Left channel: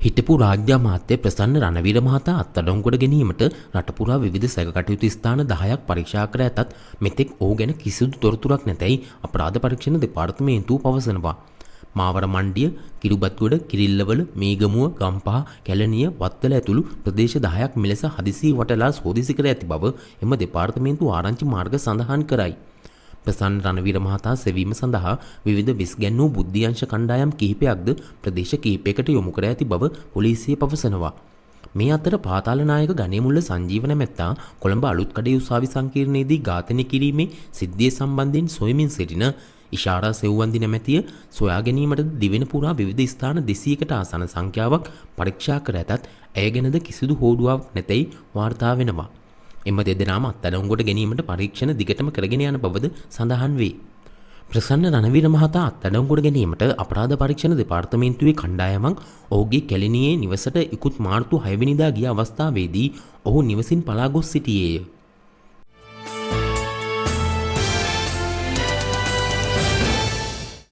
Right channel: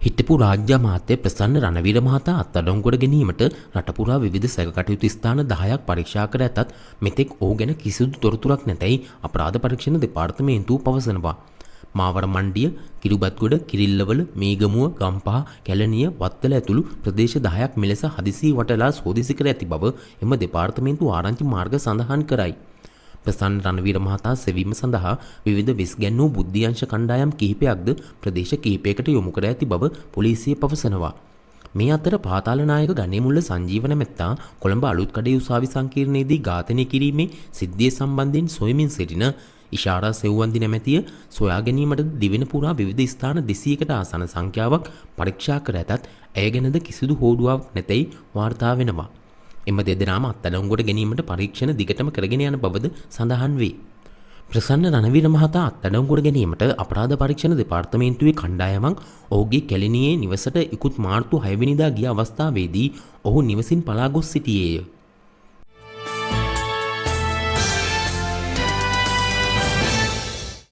හිටපු රාජ්‍ය අමාත්‍ය ප්‍රසන්න රණවීර මහතා අත්අඩංගුවට ගැනීමට රට පුරා විවිධ සැකකටයුතු ස්ථාන 10ක් පරීක්ෂා කර ඇතත් මෙතෙක් ඔහු ගැන කිසිදු තොරතුරක් නැතැයි අපරාධ පරීක්ෂණ දෙපාර්තමේන්තුව පවසනවා. මාවර මණ්ඩිය, කිරුබත්ගොඩ, කිරිල්ලවල, මේගමුව, ගම්පහ, කැලණිය, වත්තල ඇතුළු ප්‍රදේශ 10ක් මෙලෙස හදිසි වටලා සෝදිසි කර ඇති බව එම දෙපාර්තමේන්තුව ආරංචි මාර්ග සඳහන් කරයි. ප්‍රසන්න රණවීර මහතා සෙවීම සඳහා විවිධ විස්ගැන්වූ බුද්ධියංශ කණ්ඩායම් කිහිපයක්ද ප්‍රදේශ කිහිපයකට යොමු කර ඇති බව පොලිසිය පවසනවා. මේ අතර පාතාලනායක ගණේමුල්ල සංජීවන මැත්තා කොළඹ අලුත්කඩේ උසාවි සංකීර්ණයේදී ඝාතනය කිරීමේ සිද්ධිය සම්බන්ධයෙන් සොයමින් සිටින ඉෂාරා සෙව්වන්දි නැමැතිය සොයා ගැනීමට දිවෙන පුරා විවිධ ස්ථාන 200කට ආසන සංඛ්‍යාවක් පරීක්ෂා කර ඇතත් ඇය ගැනද කිසිදු හෝඩුවාවක් නැතැයි වාර්තා වෙනවා. එම දෙදෙනාම අත්අඩංගුවට ගැනීමට පරීක්ෂණ දිගටම කරගෙන යන බවද සඳහන් වේ. ප්‍රසන්න රණවීර මහතා අත්අඩංගුවට ගැනීමට අපරාධ පරීක්ෂණ දෙපාර්තමේන්තුවේ කණ්ඩායමක් ඔහුගේ කැලණියේ නිවසට ඉකුත් මාර්තු 6 වෙනිදා ගිය අවස්ථාවේදී ඔහු නිවසින් පලා ගොස් සිටියේය.